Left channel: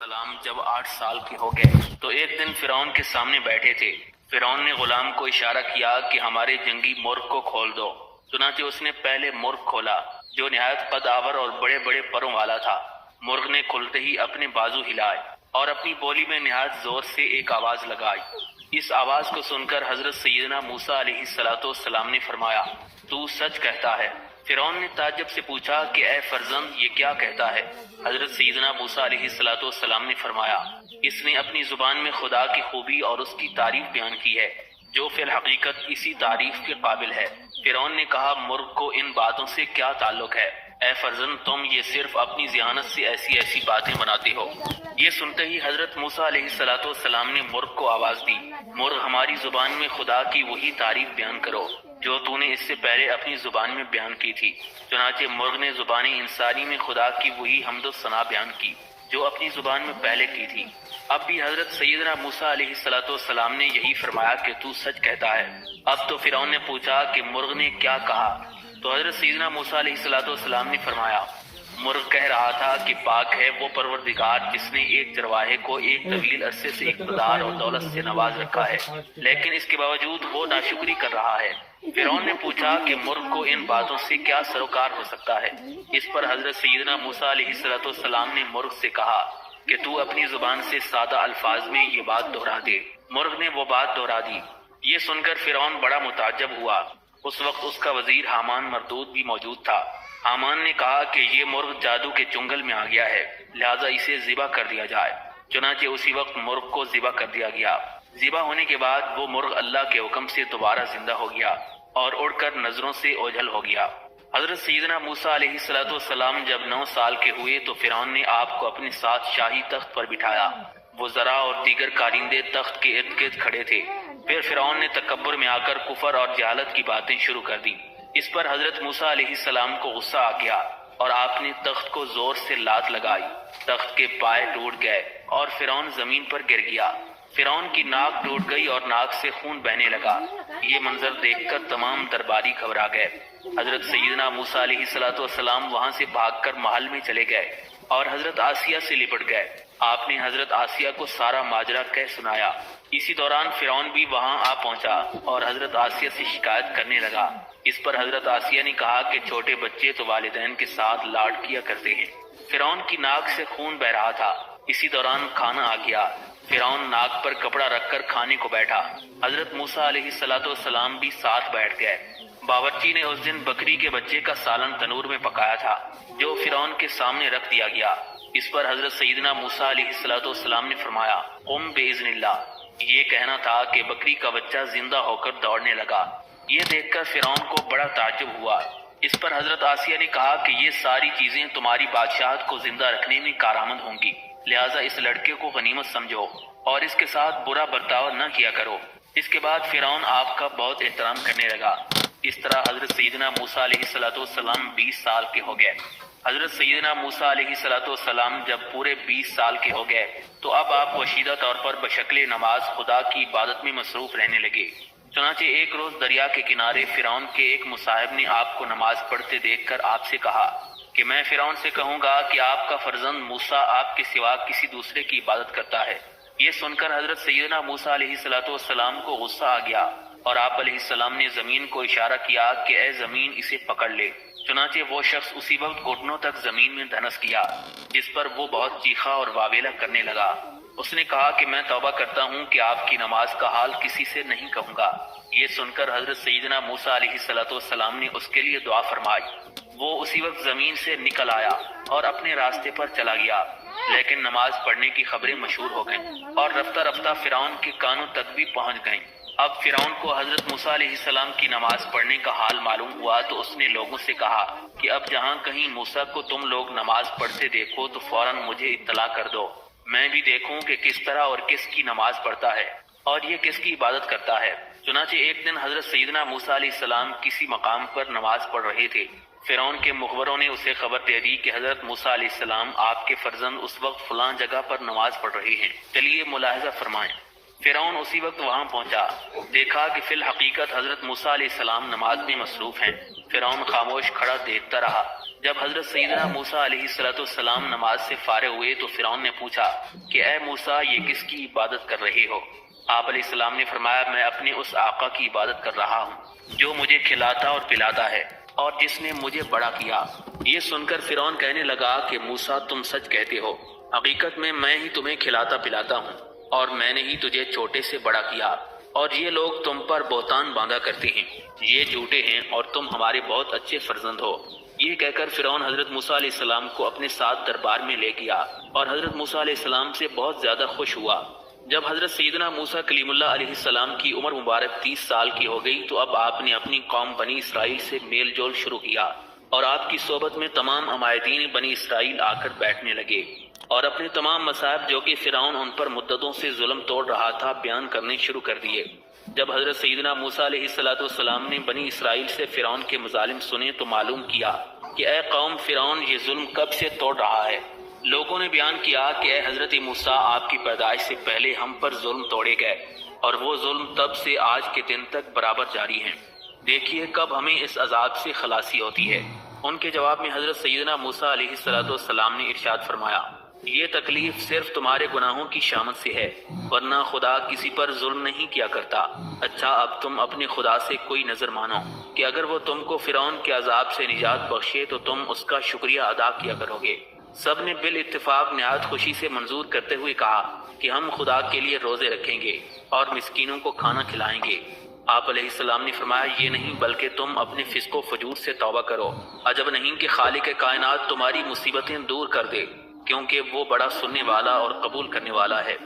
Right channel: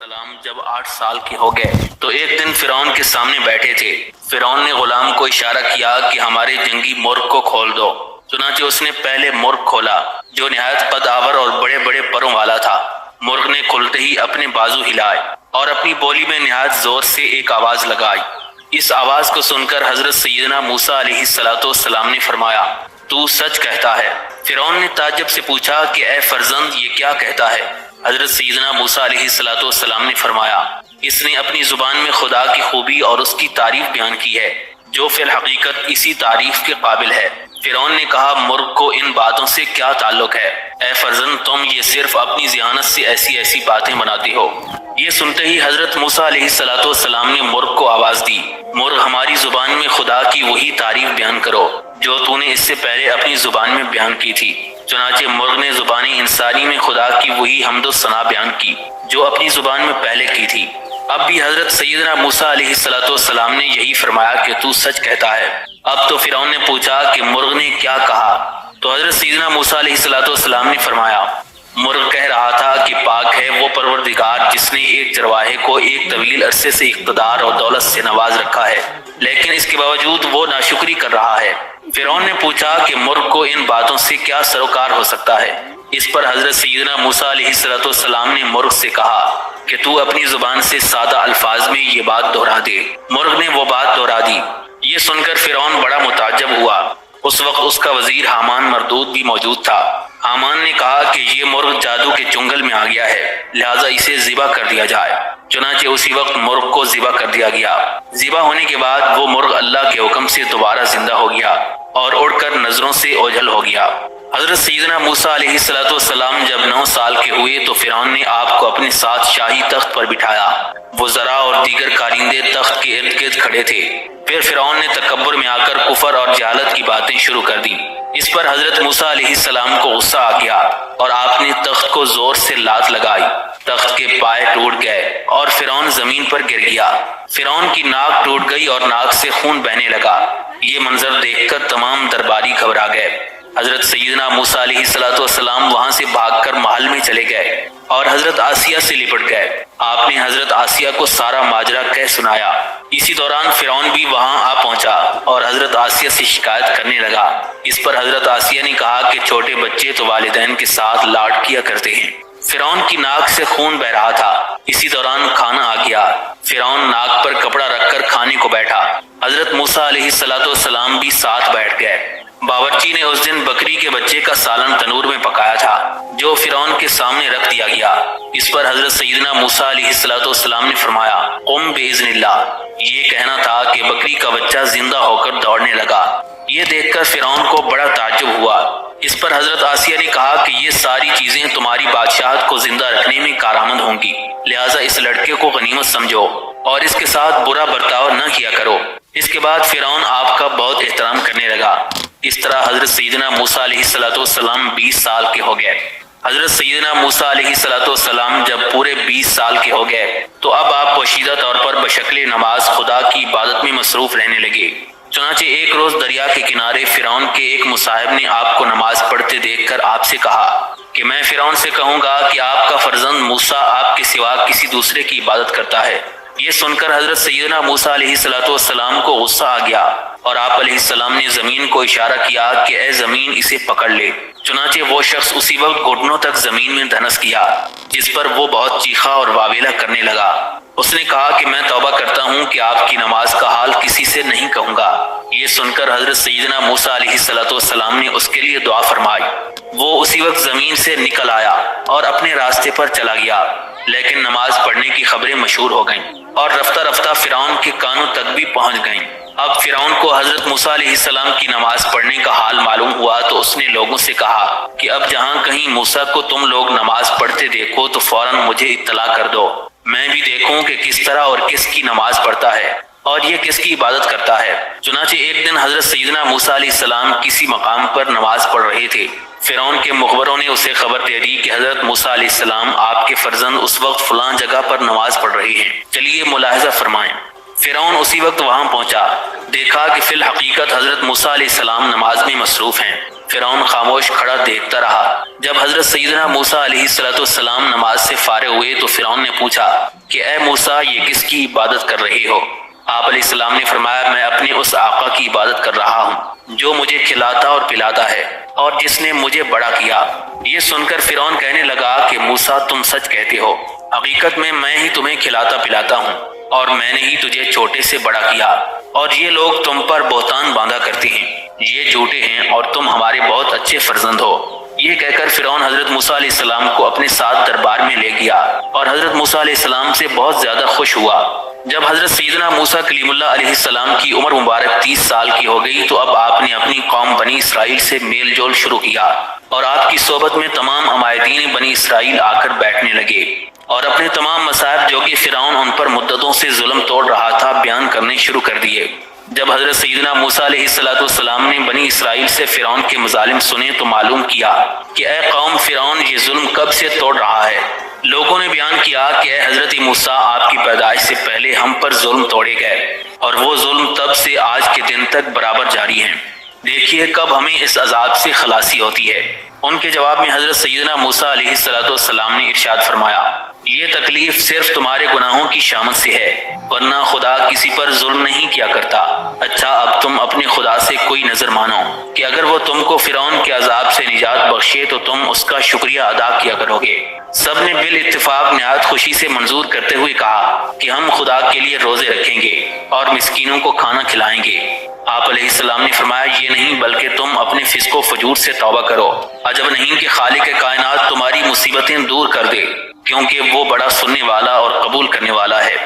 سلام جب 8 سال کے ہو گئے تو ایک دن فرعون کے سامنے بیٹھے تھے۔ فرعون نے غلام کو اشارہ کیا کہ ہمارے جنگی مرغ کو کھول دو۔ چنانچہ اس نے پہلے مرغ کھولا جو نہایت قد آور اور بڑے بڑے پروں والا تھا۔ مرغ نے کھلتے ہی اپنے بازو ہلائے اور اپنی بولی میں نہایت زور سے ایک آواز لگائی۔ اس آواز کو سن کر حضرت سیدنا موسیٰ علیہ السلام نے فرمایا، تو سچ کہتا ہے۔ فرعون نے تعجب سے پوچھا کہ اے فرزند یہ کیا کہتا ہے؟ حضرت سیدنا موسیٰ علیہ السلام نے فرمایا، اس نے اپنی زبان میں خدا کی خوبی اور اس کی تعریف بیان کی ہے جو فی الحقیقت اسی تعریف کے قابل ہے۔ فرعون نے کہا، مرغ کو ان باتوں سے کیا تعلق ہے؟ اے فرزند تم یہ صرف اپنی ذہانت سے ایسی باتیں بناتے ہو۔ یہ سنتے ہی حضرت موسیٰ علیہ السلام نے مرغ کو آواز دی، مرغ ہماری زبان میں خدا کی وہی تعریف بیان کرو جو تو نے اس سے پہلے اپنی زبان میں بیان کی تھی۔ چنانچہ مرغ نے زبان انسانی میں خدا کی وہی حمد و ثنا بیان کی جو اپنی زبان میں پہلے کی تھی۔ اب بھی حضرت سیدنا موسیٰ علیہ السلام نے یہی فرمایا کہ تو سچ کہتا ہے۔ اب تو فرعون نے پوچھا کہ مرغ نے کیا کہا؟ تو حضرت سیدنا موسیٰ علیہ السلام نے فرمایا، مرغ کہہ رہا تھا کہ پاک ہے وہ پروردگار جس نے ایک چرواہے کو ایک طویل عرصے سے اقتدار اور دولت سے نواز رکھا ہے، لیکن اس کے باوجود وہ ناشکری کر رہا ہے۔ فرعون نے پوچھا کہ مرغ کو ان باتوں سے کیا سروکار ہو سکتا ہے؟ اس پر حضرت سیدنا موسیٰ علیہ السلام نے مرغ سے کہا کہ تو اپنی زبان سے سادہ الفاظ میں یہ بات دہرا دے۔ مرغ نے وہ بات دہرا دی۔ یہ سن کر فرعون بڑا متعجب ہوا۔ اس وقت اس کا وزیر حامان مردود بھی موجود تھا۔ حامان نے کہا کہ یہ مرغ جادو کے چنگل میں آ گیا ہے، لہذا اسے ذبح کر دیا جائے۔ چنانچہ اسی وقت مرغ کو ذبح کر دیا گیا۔ ذبح ہونے کے بعد وہ مرغ اللہ کے حکم سے دوبارہ زندہ ہو گیا اور اڑ کر نظروں سے اوجھل ہو گیا۔ حضرت سیدنا موسیٰ علیہ السلام جب 9 سال کے ہوئے تو فرعون نے آپ کو اپنے ساتھ شاہی تخت پر بٹھایا۔ وزراء اور دیگر کارندے تخت کے ارد گرد کھڑے تھے۔ پھر فرعون نے تکبر میں آ کر کفر اور جہالت کی باتیں شروع کر دی۔ اس پر حضرت موسیٰ علیہ السلام کو غصہ آ گیا اور آپ نے تخت کو زور سے لات لگائی۔ تخت کے پائے ٹوٹ گئے اور فرعون زمین پر گر گیا۔ فرعون کی ناک ٹوٹ گئی اور ناک سے خون بہنے لگا۔ یہ منظر دیکھ کر تمام درباری گھبرا گئے۔ حضرت سیدنا موسیٰ علیہ السلام وہاں سے بھاگ کر محل میں چلے گئے اور حضرت آسیہ سے لپٹ گئے۔ آپ نے حضرت آسیہ کو سارا ماجرا کہہ سنایا۔ اسی دوران فرعون بھی وہاں آ پہنچا اور حضرت آسیہ سے شکایت کرنے لگا۔ اس پر حضرت آسیہ نے کہا کہ چھوٹے بچے تو والدین کے ساتھ لاڈ کیا کرتے ہیں۔ فرعون کی ناک سے خون بہ رہا تھا۔ اسی دوران کھانا آ گیا۔ فرعون ناک پر کپڑا رکھ کر کھانے کو بیٹھا۔ حضرت موسیٰ علیہ السلام بھی ساتھ بیٹھ گئے۔ باورچی نے اس دن بکری کے بچے کا سالن تنور میں پکایا تھا جو فرعون کے سامنے رکھ دیا گیا۔ اس پر حضرت سیدنا موسیٰ علیہ السلام نے فرمایا، قم باذن اللہ۔ یہ کہنا تھا کہ بکری کا بچہ زندہ ہو کر دوڑنے لگا۔ یہ دیکھ کر فرعون کو بڑا تعجب ہوا۔ اس پر حضرت آسیہ نے کہا کہ یہ ساری چیزیں تمہاری بادشاہت کو زندہ رکھنے میں کارآمد ہوں گی، لہٰذا اس لڑکے کو غنیمت سمجھو اور اس کے ساتھ برا برتاؤ نہ کیا کرو۔ اس کے بعد فرعون آپ کا بہت احترام کرنے لگا۔ اس طرح حضرت سیدنا موسیٰ علیہ السلام 20 سال کے ہو گئے۔ حضرت سیدنا موسیٰ علیہ السلام جب پورے 20 سال کے ہو گئے تو اب آپ پوشیدہ طور پر بشکل نماز خدا کی عبادت میں مصروف رہنے لگے۔ چنانچہ ایک روز دریا کے کنارے فرعون کے ایک مصاحب نے آپ کو نماز پڑھتے دیکھ کر آپ سے کہا کہ میں فرعون سے کہوں گا کہ آپ کا فرزند موسیٰ آپ کے سوا کسی دوسرے کی عبادت کرتا ہے۔ یہ سن کر حضرت سیدنا موسیٰ علیہ السلام کو غصہ آ گیا اور آپ علیہ السلام نے زمین کو اشارہ کیا کہ اے زمین اسے پکڑ لے۔ چنانچہ وہ شخص اسی وقت گھٹنوں تک زمین میں دھنس کیا، جس پر وہ بہت چیخا اور واویلا کرنے لگا۔ اس نے کہا کہ میں توبہ کرتا ہوں کہ آپ کی نماز کا حال کسی سے نہیں کہوں گا۔ یہ سن کر حضرت سیدنا موسیٰ علیہ السلام نے اس کے لیے دعا فرمائی۔ وہ اسی وقت زمین سے نکل آیا اور اپنے راستے پر چلا گیا، لیکن نماز پڑھنے کی خبریں مشہور ہو گئیں اور رفتہ رفتہ فرعون کے کانوں تک بھی پہنچ گئیں۔ اب فرعون کو حضرت موسیٰ علیہ السلام کی نماز پڑھنے کا حال معلوم ہوا تو اس نے لوگوں سے کہا کہ اب جہاں کہیں موسیٰ کو تم لوگ نماز پڑھتے دیکھو تو فوراً مجھے اطلاع کر دو، میں بھی دیکھوں کہ کس طرح اور کس کی نماز پڑھتا ہے اور یہ کس کی عبادت کرتا ہے۔ چنانچہ ایک دن حضرت سیدنا موسیٰ علیہ السلام کسی مقام پر نماز پڑھ رہے تھے۔ فرعون کے مخبروں نے اسے خبر دے دی کہ حضرت موسیٰ علیہ السلام آپ کے فرزند اس وقت فلاں جگہ پر نماز پڑھ رہے ہیں، چلیے ملاحظہ فرمائیں۔ فرعون اسی وقت وہاں پہنچا، دیکھا کہ فی الحقیقت حضرت موسیٰ علیہ السلام نماز میں مصروف ہیں۔ فرعون خاموش کھڑا دیکھتا رہا۔ جب حضرت سیدنا موسیٰ علیہ السلام نماز سے فارغ ہوئے تو فرعون نے پوچھا کہ اے موسیٰ، یہ کس کی عبادت کر رہے ہو؟ آپ علیہ السلام نے فرمایا، میں اپنے اس آقا کی عبادت کر رہا ہوں جو مجھے کھلاتا اور پلاتا ہے اور جس نے مجھے بڑا کیا۔ یہ سن کر فرعون کہنے لگا کہ موسیٰ، تم سچ کہتے ہو، حقیقت میں ہی تمہیں کھلاتا پلاتا ہوں اور میں نے ہی تجھے چھوٹے سے بڑا کیا، اور یہ لوگ تم پر بہتان باندھا کرتے ہیں، یہ جھوٹے ہیں اور تم ہمارے بہت اچھے فرزند ہو۔ یہ کہہ کر فرعون حضرت موسیٰ علیہ السلام کو اپنے ساتھ دربار میں لے گیا اور حضرت موسیٰ علیہ السلام سے بہت زیادہ خوش ہوا۔ جب حضرت سیدنا موسیٰ کلیم اللہ علیہ السلام کی عمر مبارک 30 سال کی ہو گئی تو اب آپ نے اپنی قوم بنی اسرائیل سے میل جول شروع کیا، اور آپ کی صحبت میں تمام عمائدین بنی اسرائیل آ کر بیٹھنے لگے اور اپنے تمام مصائب جو کہ فرعون ان پر مدتوں سے ظلم توڑ رہا تھا بیان کرنے شروع کر دیے۔ جب حضرت سیدنا موسیٰ علیہ السلام نے بنی اسرائیل سے فرعون کے مظالم سنے تو معلوم کیا کہ اے قوم، فرعون یہ ظلم کب سے توڑ رہا ہے۔ لوگوں نے بیان کیا کہ اے حضرت موسیٰ، آپ کی پیدائش سے پہلے ہم پر ظلم توڑے گئے اور وہ ظلم تب سے آج کے دن تک برابر جاری ہیں، دیکھیے کب ہمیں اس عذاب سے خلاصی ہوتی ہے۔ ان کے جواب میں حضرت سیدنا موسیٰ علیہ السلام نے ارشاد فرمایا، یہ تکلیف صرف تمہارے گناہوں کی شامت سے ہے، ورنہ خدا کسی پر ظلم نہیں کیا کرتا۔ اچھا، اب تم اپنے خدا سے کوئی نظر مانو کہ اگر وہ تم کو فرعون کے عذاب سے نجات بخشے تو تم اس کا شکریہ ادا کیا کرو گے۔ سب نے بالاتفاق نہایت خوشی سے منظور کرتے ہوئے کہا کہ ہم خدا کے لیے روزے رکھیں گے اور مسکینوں کو کھانا کھلائیں گے۔ آپ علیہ السلام نے فرمایا، یہ نہیں بلکہ تم اپنے فسق و فجور سے توبہ کرو۔ عجب نہیں کہ خالق کائنات تمہاری مصیبتیں دور کر دے، کیونکہ وہ بڑا سننے والا اور قبول کرنے والا ہے۔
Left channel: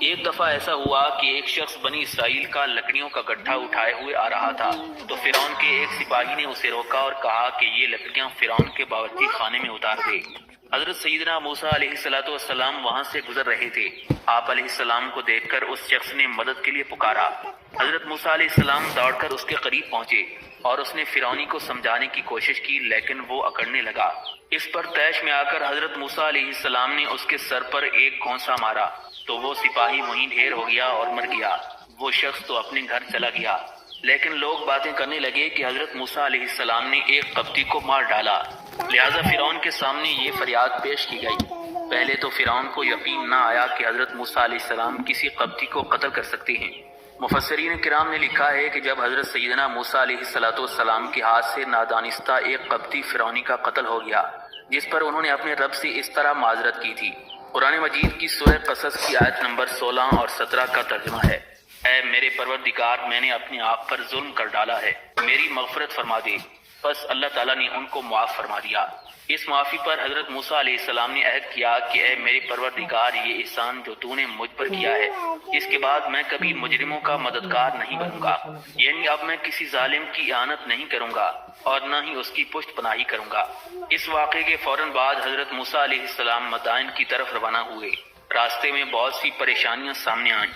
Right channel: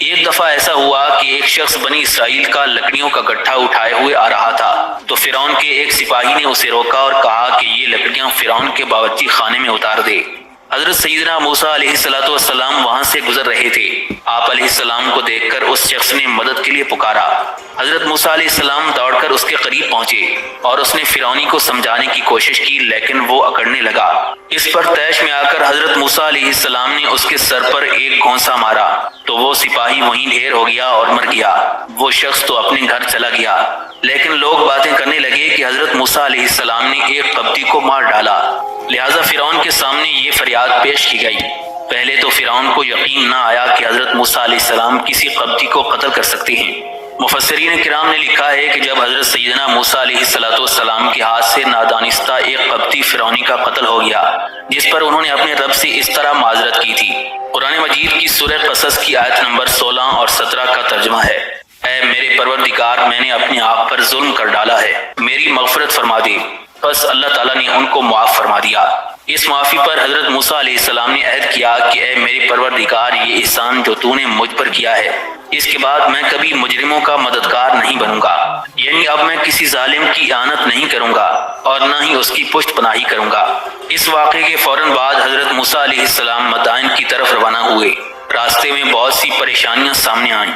ایک دفعہ ایسا ہوا کہ ایک شخص بنی اسرائیل کا لکڑیوں کا گٹھا اٹھائے ہوئے آ رہا تھا تو فرعون کے ایک سپاہی نے اسے روکا اور کہا کہ یہ لکڑیاں فرعون کے باورچی خانے میں اتار دے۔ حضرت سیدنا موسیٰ علیہ السلام وہاں سے گزر رہے تھے۔ آپ علیہ السلام کو دیکھ کر اس شخص نے مدد کے لیے پکارا۔ حضرت موسیٰ علیہ السلام دوڑ کر اس کے قریب پہنچے اور اس نے فرعونی کو سمجھانے کی کوشش کی، لیکن وہ اکڑنے لگا۔ اس پر طیش میں آ کر حضرت موسیٰ علیہ السلام نے اس کے سر پر ایک گھونسا مارا تو وہ سپاہی وہیں ڈھیر ہو گیا اور مر گیا۔ وہ شخص تو اپنے گھر چلا گیا، لیکن لوگ باتیں کرنے لگے کہ حضرت موسیٰ علیہ السلام نے ایک قبطی کو مار ڈالا، لہذا فرعون کے سامنے یہ فریاد پیش کی گئی۔ پہلے تو فرعون کو یقین نہ آیا کہ حضرت موسیٰ علیہ السلام کسی قبطی کو قتل کر سکتے ہیں۔ مفسرین کرام نے لکھا ہے کہ جب حضرت سیدنا موسیٰ علیہ السلام کے ہاتھ سے نادانستہ ایک قبطی فرعونی کا قتل ہو گیا، جس پر انہوں نے اپنے رب سے اس طرح معذرت کی تھی۔ قرآن مجید کی سورہ قصص کی آیت نمبر 16 اور 17 کا ترجمہ ہے، اے میرے پروردگار، میں نے اپنے آپ پر ظلم کر ڈالا ہے، میری مغفرت فرما دے۔ بس اللہ تعالیٰ نے ان کو معاف فرما دیا۔ اس معافی پر حضرت موسیٰ علیہ السلام نے عہد کیا کہ اے میرے پروردگار، یہ احسان جو تو نے مجھ پر کیا ہے، اس کے بعد میں کبھی مجرموں کا مددگار نہیں بنوں گا، یعنی اب میں کسی ظالم کی اعانت نہیں کروں گا اور نہ ہی اس کی پشت پناہی کروں گا۔ اس واقعے کے فوراً بعد حضرت موسیٰ علیہ السلام مدائن کی طرف روانہ ہوئے۔ راستے میں بہت سی پریشانیاں سامنے آئیں۔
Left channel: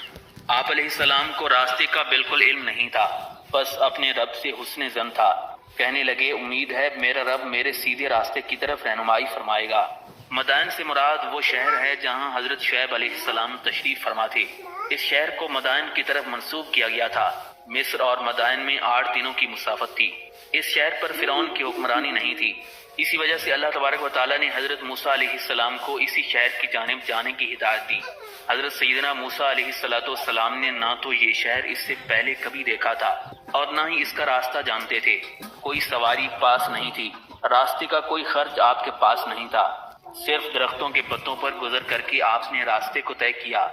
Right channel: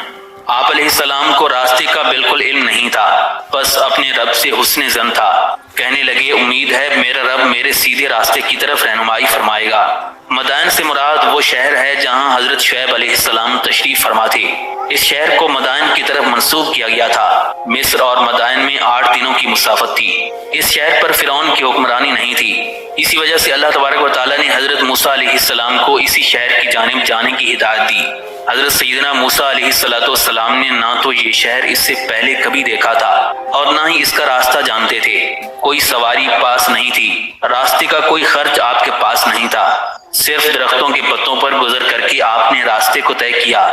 آپ علیہ السلام کو راستے کا بالکل علم نہیں تھا، بس اپنے رب سے حسن ظن تھا۔ کہنے لگے، امید ہے میرا رب میرے سیدھے راستے کی طرف رہنمائی فرمائے گا۔ مدائن سے مراد وہ شہر ہے جہاں حضرت شعیب علیہ السلام تشریف فرما تھے۔ اس شہر کو مدائن کی طرف منسوب کیا گیا تھا۔ مصر اور مدائن میں 8 دنوں کی مسافت تھی۔ اس شہر پر فرعون کی حکمرانی نہیں تھی، اسی وجہ سے اللہ تبارک و تعالیٰ نے حضرت موسیٰ علیہ السلام کو اسی شہر کی جانب جانے کی ہدایت دی۔ حضرت سیدنا موسیٰ علیہ السلام نے نہ تو یہ شہر اس سے پہلے کبھی دیکھا تھا اور نہ ہی اس کا راستہ جانتے تھے۔ کوئی سواری پاس نہیں تھی، راستے کا کوئی خرچ آپ کے پاس نہیں تھا، صرف درختوں کے پتوں پر گزر کر کے آپ نے راستے کو طے کیا۔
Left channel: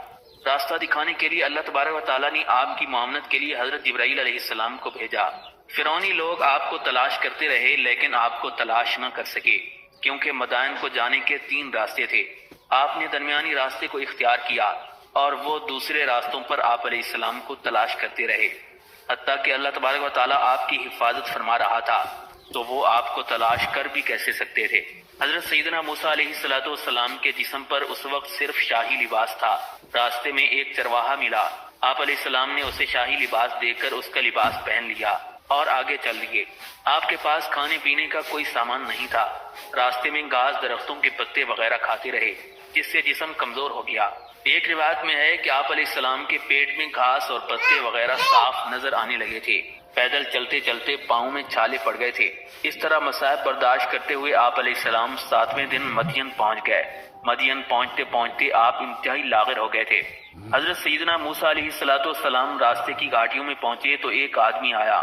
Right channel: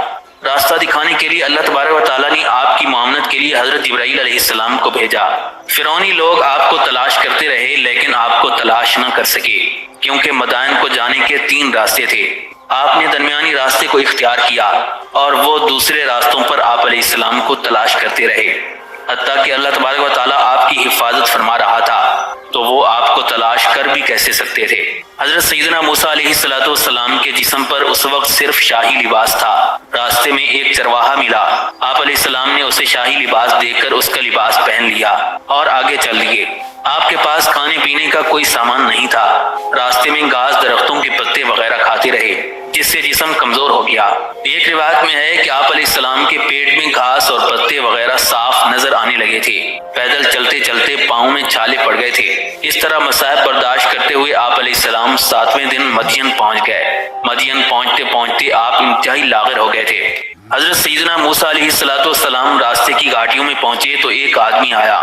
راستہ دکھانے کے لیے اللہ تبارک و تعالیٰ نے آپ کی معاونت کے لیے حضرت جبرائیل علیہ السلام کو بھیجا۔ فرعونی لوگ آپ کو تلاش کرتے رہے لیکن آپ کو تلاش نہ کر سکے، کیونکہ مدائن کو جانے کے 3 راستے تھے۔ آپ نے درمیانی راستے کو اختیار کیا اور وہ دوسرے راستوں پر آپ علیہ السلام کو تلاش کرتے رہے، حتیٰ کہ اللہ تبارک و تعالیٰ آپ کی حفاظت فرما رہا تھا تو وہ آپ کو تلاش کر بھی کیسے سکتے تھے۔ حضرت سیدنا موسیٰ علیہ السلام کے جسم پر اس وقت صرف شاہی لباس تھا۔ راستے میں ایک چرواہا ملا، آپ علیہ السلام نے اسے شاہی لباس دے کر اس کا لباس پہن لیا اور آگے چل دیے۔ آپ کے پاس کھانے پینے کا کوئی سامان نہیں تھا۔ راستے میں گھاس، درختوں کے پتے وغیرہ کھاتے رہے، جس سے جسم کمزور ہو گیا۔ ایک روایت میں ہے کہ آپ علیہ السلام کے پیٹ میں گھاس اور پتے وغیرہ صاف نظر آنے لگے تھے۔ پیدل چلتے چلتے پاؤں میں چھالے پڑ گئے تھے۔ اس طرح مصائب برداشت کرتے ہوئے آپ علیہ السلام 7ویں دن مدین پہنچ گئے۔ مدین پہنچتے پہنچتے آپ انتہائی لاغر ہو گئے تھے۔ حضرت سیدنا موسیٰ علیہ السلام راستے کی گھاٹیوں میں پہنچے تو ایک آدمی آیا۔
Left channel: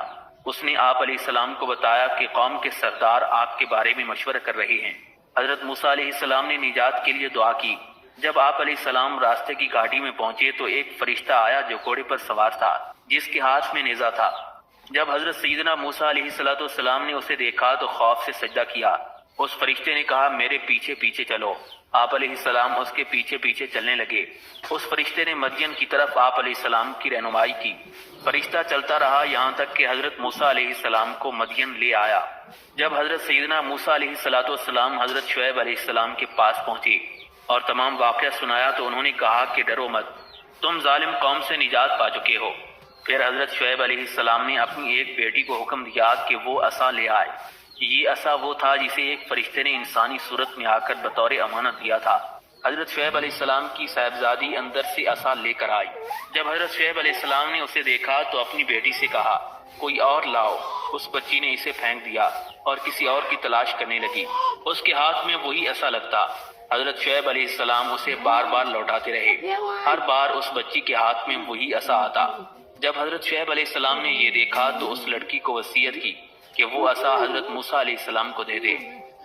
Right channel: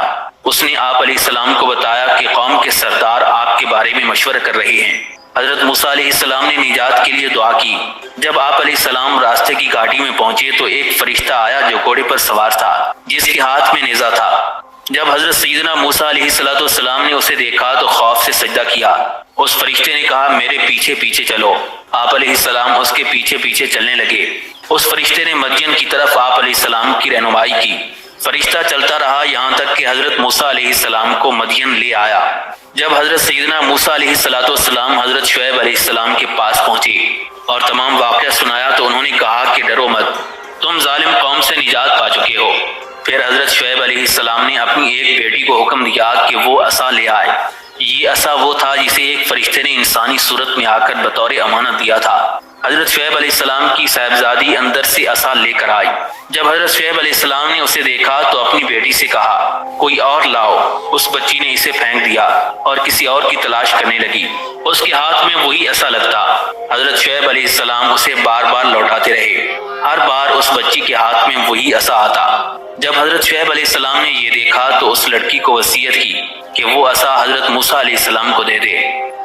اس نے آپ علیہ السلام کو بتایا کہ قوم کے سردار آپ کے بارے میں مشورہ کر رہے ہیں۔ حضرت موسیٰ علیہ السلام نے نجات کے لیے دعا کی۔ جب آپ علیہ السلام راستے کی گھاٹی میں پہنچے تو ایک فرشتہ آیا جو گھوڑے پر سوار تھا، جس کے ہاتھ میں نیزہ تھا۔ جب حضرت سیدنا موسیٰ علیہ السلام نے اسے دیکھا تو خوف سے سجدہ کیا۔ اس فرشتے نے کہا میرے پیچھے پیچھے چلو۔ آپ علیہ السلام اس کے پیچھے پیچھے چلنے لگے۔ اس فرشتے نے مدین کی طرف آپ علیہ السلام کی رہنمائی کی۔ فرشتہ چلتا رہا یہاں تک کہ حضرت موسیٰ علیہ السلام کو مدین لے آیا۔ جب حضرت سیدنا موسیٰ علیہ السلام حضرت شعیب علیہ السلام کے پاس پہنچے اور تمام واقعہ سنایا تو انہوں نے کہا کہ ڈرو مت، تم ظالم قوم سے نجات پا چکے ہو۔ پھر حضرت شعیب علیہ السلام نے اپنی ایک بیٹی کو حکم دیا کہ وہ عصا لے آئے۔ یہ عصا وہ تھا جسے ایک فرشتے نے انسانی صورت میں آ کر بطور امانت دیا تھا۔ حضرت شعیب علیہ السلام کی صاحبزادی اندر سے عصا لے کر آئی۔ جب حضرت شعیب علیہ السلام نے اسے دیکھا تو اپنی بیٹی سے کہا کوئی اور لاؤ۔ اس بچی نے اسے پھینک دیا اور کسی اور کی تلاش کرنے لگی۔ اس کے ہاتھ میں وہی عصا لگتا۔ حضرت شعیب علیہ السلام اسے بار بار لوٹاتے رہے۔ ہر بار اس بچی کے ہاتھ میں وہی عصا آتا۔ جب حضرت شعیب علیہ السلام نے یہ دیکھا تو اس لڑکی کو وصیت کی کہ وہ عصا حضرت موسیٰ علیہ السلام کو دے دے۔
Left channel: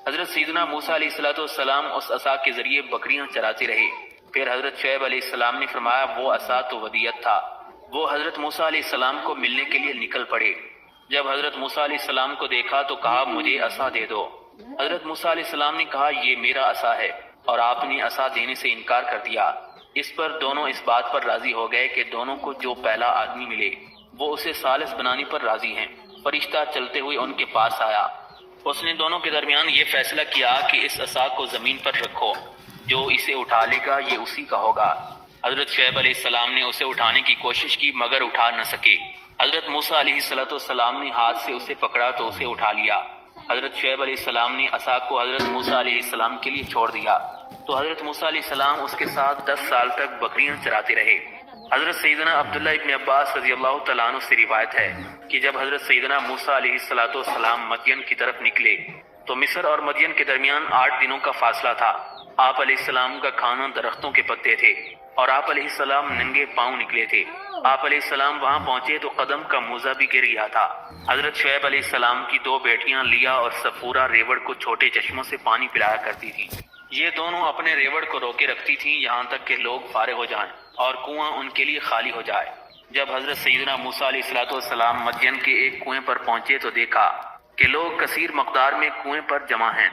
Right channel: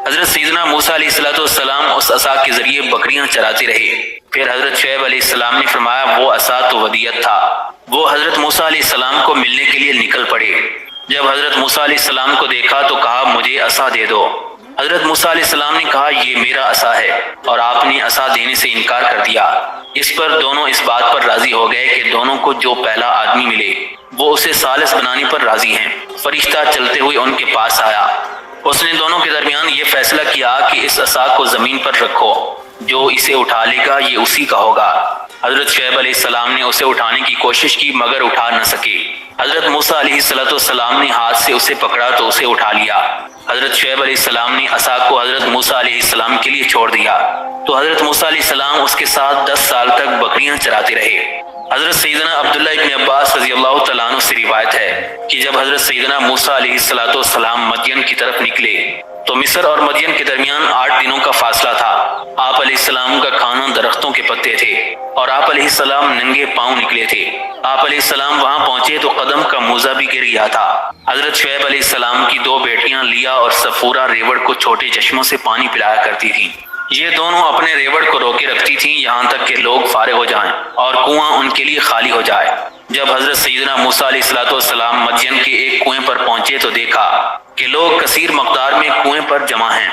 حضرت سیدنا موسیٰ علیہ السلام اس عصا کے ذریعے بکریاں چراتے رہے۔ پھر حضرت شعیب علیہ السلام نے فرمایا وہ عصا تو ودیعت تھا۔ وہ حضرت موسیٰ علیہ السلام کو ملنے کے لیے نکل پڑے۔ جب حضرت موسیٰ علیہ السلام کو دیکھا تو کہا مجھے عصا دے دو۔ حضرت موسیٰ علیہ السلام نے کہا یہ میرا عصا ہے، اور آپ نے عصا دینے سے انکار کر دیا۔ اس پر دونوں اس بات پر راضی ہو گئے کہ دونوں کو جو پہلا آدمی ملے وہ اسے ثالث بنانے پر راضی ہیں۔ فرشتہ چلتے ہوئے ان کے پاس آیا۔ اس نے دونوں کے درمیان یہ فیصلہ کیا کہ اس عصا کو زمین پر رکھو، جو اسے اٹھا لے گا یہ اسی کا ہوگا۔ حضرت شعیب علیہ السلام نے اسے اٹھانے کی کوشش کی مگر اٹھا نہ سکے۔ حضرت موسیٰ علیہ السلام نے ہاتھ سے اسے پکڑا تو اسے اٹھا لیا۔ حضرت شعیب علیہ السلام نے عصا کو حضرت موسیٰ علیہ السلام کے لیے چھوڑ دیا تو حضرت موسیٰ علیہ السلام اس کے ساتھ 10 سال تک بکریاں چراتے رہے۔ حضرت سیدنا عبداللہ ابن عباس رضی اللہ تعالیٰ عنہ سے روایت ہے کہ جب حضرت سیدنا موسیٰ علیہ السلام مدین کی طرف نکلے تو مصر اور مدین کے درمیان 8 دنوں کا فاصلہ تھا۔ آپ علیہ السلام کا کھانا درختوں کے پتے تھے اور آپ علیہ السلام ننگے پاؤں نکلے تھے۔ آپ علیہ السلام وہاں پہنچے تو قدم کا موزہ بھی گر گیا تھا۔ حضرت شعیب علیہ السلام کی 2 بیٹیاں لیا اور صفورہ ریوڑ کو چھوٹے چشموں سے پانی پلایا کرتی تھیں۔ یہ دونوں اپنے ریوڑ کو روکے رکھتی تھیں یہاں تک کہ لوگ فارغ ہو جائیں اور کنواں ان کے لیے خالی ہو جائے۔ جب حضرت سیدنا موسیٰ علیہ السلام مدین کے ایک کنویں پر پہنچے تو دیکھا کہ لوگ کثیر مقدار میں کنویں پر جمع ہیں،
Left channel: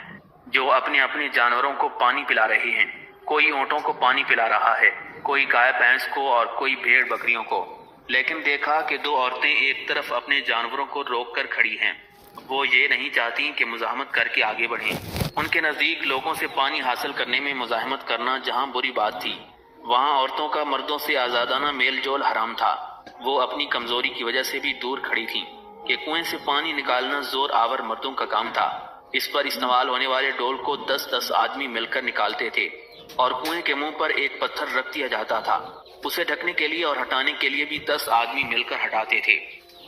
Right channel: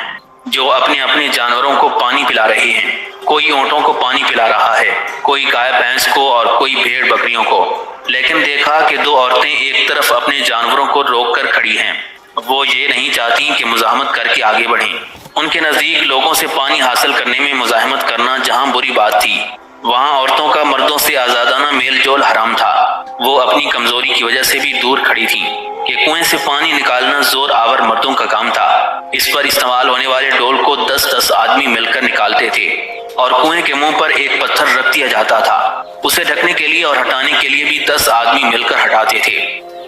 جو اپنے اپنے جانوروں کو پانی پلا رہے ہیں۔ کوئی اونٹوں کو پانی پلا رہا ہے، کوئی گائے بھینس کو اور کوئی بھیڑ بکریوں کو۔ لیکن دیکھا کہ 2 عورتیں ایک طرف اپنے جانوروں کو روک کر کھڑی ہیں۔ وہ یہ نہیں چاہتی کہ مزاحمت کر کے آگے بڑھیں۔ ان کے نزدیک لوگوں سے پانی حاصل کرنے میں مزاحمت کرنا جہاں بری بات تھی، وہاں عورتوں کا مردوں سے آزادانہ میل جول حرام تھا۔ وہ اپنی کمزوری کی وجہ سے بھی دور کھڑی تھی کہ کنویں سے پانی نکالنا زور آور مردوں کا کام تھا۔ اس پر استعمال ہونے والے ڈول کو 10-10 آدمی مل کر نکالتے تھے اور کنویں کے منہ پر ایک پتھر رکھ دیا جاتا تھا۔ اسے ڈھکنے کے لیے اور ہٹانے کے لیے بھی 10 آدمی مل کر ہٹاتے تھے۔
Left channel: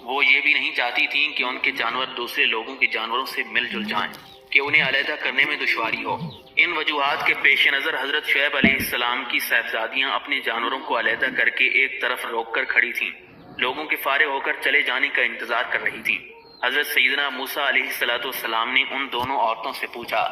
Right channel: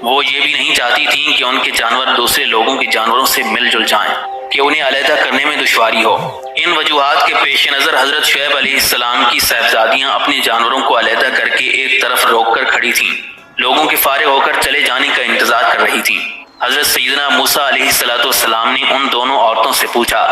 وہ یہ بھی نہیں چاہتی تھیں کہ ان کے جانور دوسرے لوگوں کے جانوروں سے مل جل جائیں کہ انہیں علیحدہ کرنے میں دشواری ہو۔ ان وجوہات کے پیش نظر حضرت شعیب علیہ السلام کی صاحبزادیاں اپنے جانوروں کو علیحدہ کر کے ایک طرف روک کر کھڑی تھیں، لوگوں کے فارغ ہو کر چلے جانے کا انتظار کر رہی تھیں۔ حضرت سیدنا موسیٰ علیہ السلام نے ان دونوں عورتوں سے پوچھا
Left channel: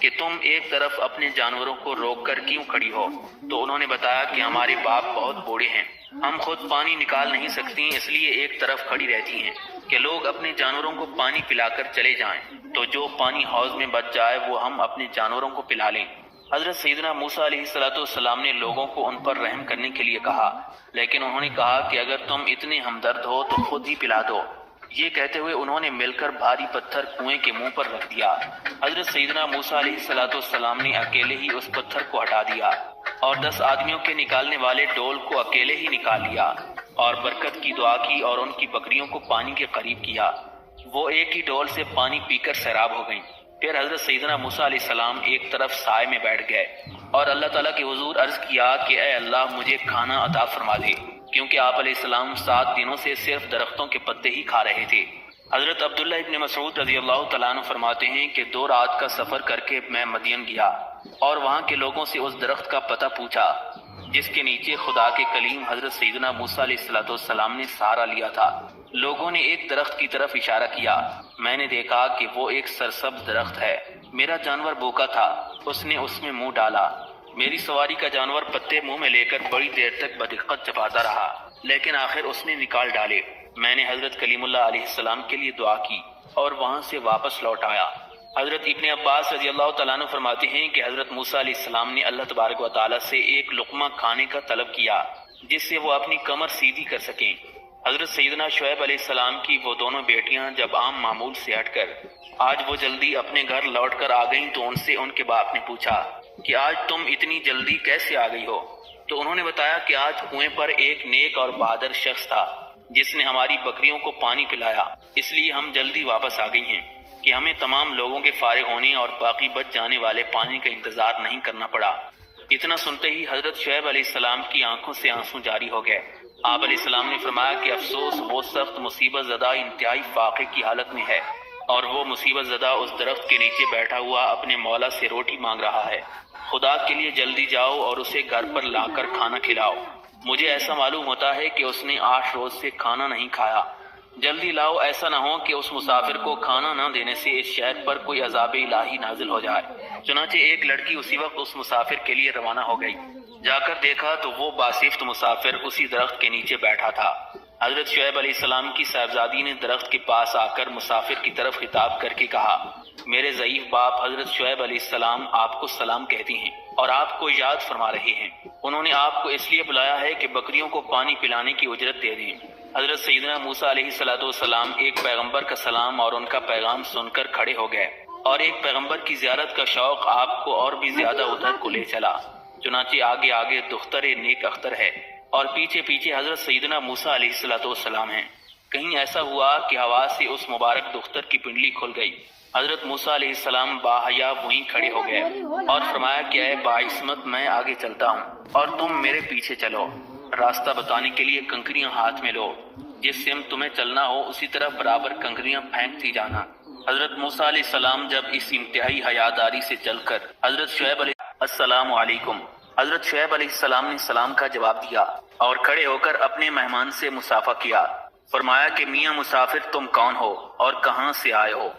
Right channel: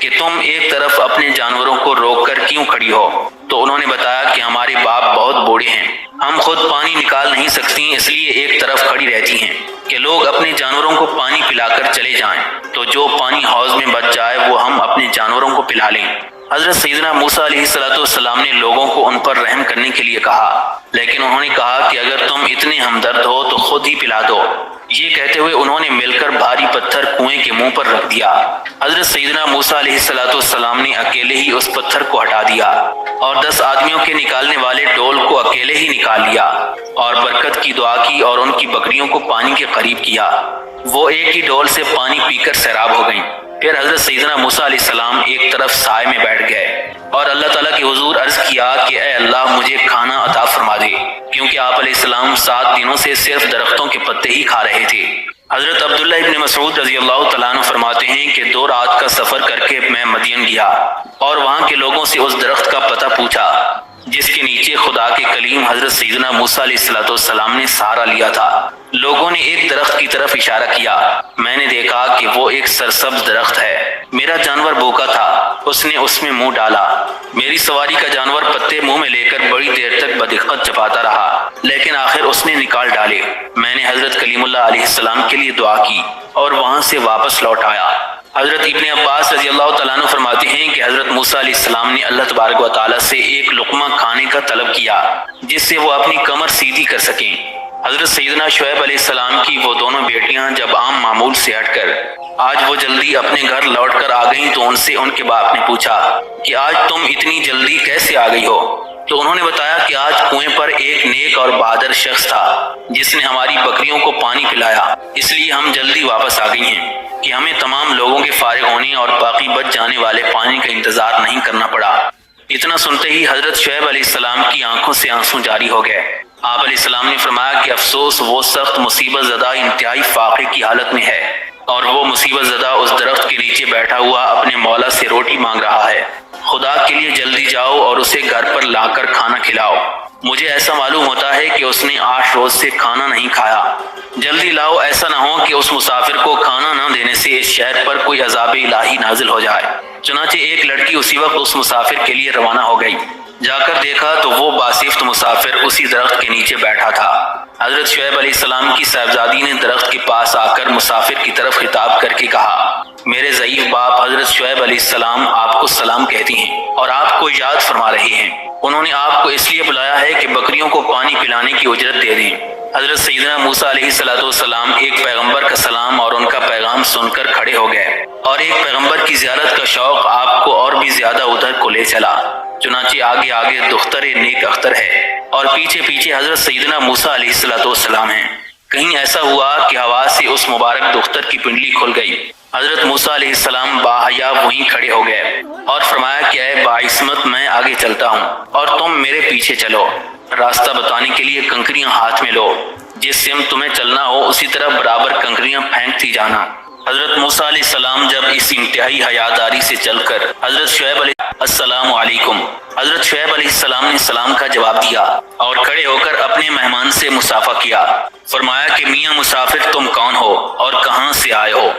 کہ تم ایک طرف اپنے جانوروں کو روک کر کیوں کھڑی ہو؟ تو انہوں نے بتایا کہ ہمارے باپ بہت بوڑھے ہیں، ہم خود پانی نکال نہیں سکتی، اس لیے ایک طرف کھڑی رہتی ہیں کہ لوگ اپنے جانوروں کو پانی پلا کر چلے جائیں تو جو پانی حوض میں بچ جائے وہ ہم اپنے جانوروں کو پلا لیں۔ حضرت سیدنا موسیٰ علیہ السلام نے لوگوں کو ان پر رحم کرنے کے لیے کہا، لیکن انہوں نے کہا کہ اگر تم اتنے ہمدرد ہو تو خود ہی پلا دو۔ یہ کہتے ہوئے انہوں نے مل کر بھاری پتھر کنویں کے منہ پر رکھ دیا۔ حضرت سیدنا موسیٰ علیہ السلام نے اکیلے ہی اس پتھر کو ہٹا دیا اور 10 آدمیوں کے نکالنے والے ڈول کو اکیلے ہی نکال لیا اور برکت کی دعا کی اور ان کی بکریوں کو پانی کے قریب کیا۔ وہ ایک ہی ڈول سے پانی پی کر سیراب ہو گئیں۔ پھر حضرت سیدنا موسیٰ علیہ السلام ایک طرف سائے میں بیٹھ گئے اور اللہ تعالیٰ کے حضور عرض کیا کہ اے اللہ مجھے کھانا عطا فرما دے، کیونکہ آپ علیہ السلام 7 دنوں سے صرف درختوں کے پتے ہی کھا رہے تھے۔ حضرت عبداللہ ابن مسعود رضی اللہ تعالیٰ عنہ فرماتے ہیں کہ 2 رات کا سفر کر کے میں مدین گیا اور وہاں کے لوگوں سے اس درخت کا پتہ پوچھا جس کے نیچے خدا کے کلیم حضرت سیدنا موسیٰ علیہ السلام نے سہارا لیا تھا۔ لوگوں نے ایک درخت کی طرف اشارہ کیا، میں نے دیکھا کہ وہ ایک سرسبز درخت ہے۔ میرا جانور بھوکا تھا، اس نے اس میں منہ ڈالا۔ میری سواری کا جانور پتے منہ میں لے کر بڑی دیر تک بدقت چباتا رہا، لیکن آخر اس نے نکال ڈالے۔ میں نے حضرت کلیم اللہ علیہ السلام کے لیے دعا کی اور وہاں سے واپس لوٹ آیا۔ حضرت ابن عباس رضی اللہ تعالیٰ عنہ فرماتے ہیں کہ حضرت موسیٰ علیہ السلام نے اللہ تبارک و تعالیٰ سے ایک لقمہ کھانے کا طلب کیا جس سے وہ اپنی کمر سیدھی کر سکیں۔ حضرت سیدنا شعیب علیہ السلام کی وہ دونوں بیٹیاں جب عام معمول سے ہٹ کر آج وہ جلدی اپنے گھر لوٹ کر آ گئیں تو ان سے ان کے باپ نے پوچھا کہ آج تم اتنی جلدی کیسے آ گئی ہو؟ تو انہوں نے بتایا کہ آج کنویں پر ایک نیک اور بہادر شخص تھا جس نے ہماری بکریوں کو پانی پلایا، اس لیے ہم جلدی واپس آ گئی ہیں کہ ہمیں تمام لوگوں کے فارغ ہونے اور باقی بچ جانے والے پانی کا انتظار نہیں کرنا پڑا۔ اتنا سنتے ہی حضرت شعیب علیہ السلام کی آنکھوں سے آنسو جاری ہو گئے۔ آپ علیہ السلام نے فرمایا کہ افسوس وہ سخت مصیبت زدہ انتہائی فاقے کی حالت میں ہے اور وہ مصیبت زدہ اس درخت کے نیچے بیٹھا ہوا اپنے مولا سے روٹی مانگ رہا ہے۔ خدا کے لیے جلدی جاؤ اور اسے گھر پر لا کر کھانا کھلاؤ۔ مجھے ایسا معلوم ہوتا ہے کہ اس نے 8 روز سے کھانا نہیں کھایا۔ جلدی لاؤ، ایسا نہ ہو کہ اس مسافر کو کھانا نہ دینے سے اس شہر پر کوئی عذاب الہی نازل ہو جائے۔ چنانچہ ایک لڑکی اسی وقت اس مسافر کے لیے روانہ ہو گئی۔ جا کر دیکھا تو وہ باصفت مسافر اسی درخت کے نیچے بیٹھا تھا۔ حضرت شعیب علیہ السلام کی صاحبزادی نے درخت کے پاس آ کر مسافر کی طرف خطاب کر کے کہا، میرے ضعیف باپ حضرت شعیب علیہ السلام آپ کو سلام کہتی ہیں اور آپ کو یاد فرما رہے ہیں۔ انہوں نے آپ کو اس لیے بلایا ہے کہ بکریوں کو پانی پلانے کی اجرت دے دیں۔ حضرت سیدنا موسیٰ علیہ السلام ایک پیغمبر کا سلام اور ان کا پیغام سن کر کھڑے ہو گئے اور ایک پیغمبر کی زیارت کا شوق آپ کو اور بھی زیادہ ادھر کو لے چلا۔ چنانچہ آگے آگے دختر نیک اختر ہے اور پیچھے پیچھے حضرت سیدنا موسیٰ علیہ السلام ہیں۔ کہیں ایسا ہوا کہ ہوا سے اس مبارک دختر کی پنڈلی کھل گئی۔ حضرت موسیٰ علیہ السلام باحیا وہیں کھڑے ہو گئے اور فرمایا کہ اے باعصمت میں آگے چلتا ہوں اور تم میرے پیچھے چلو۔ راستہ بتانے کے لیے کنکریاں ہاتھ میں لو، جس سمت تمہیں چلنا ہو اسی طرح برابر کنکریاں پھینکتی جانا۔ حضرت موسیٰ علیہ السلام جب اس انتہائی حیاداری سے چل کر حضرت شعیب علیہ السلام علیکم، حضرت شعیب علیہ السلام نے سلام کا جواب دیا اور کھڑے ہو کر اپنے مہمان سے مصافحہ کیا۔ فرمایا کہ میاں مسافر تم کون ہو اور کہاں سے آئے ہو؟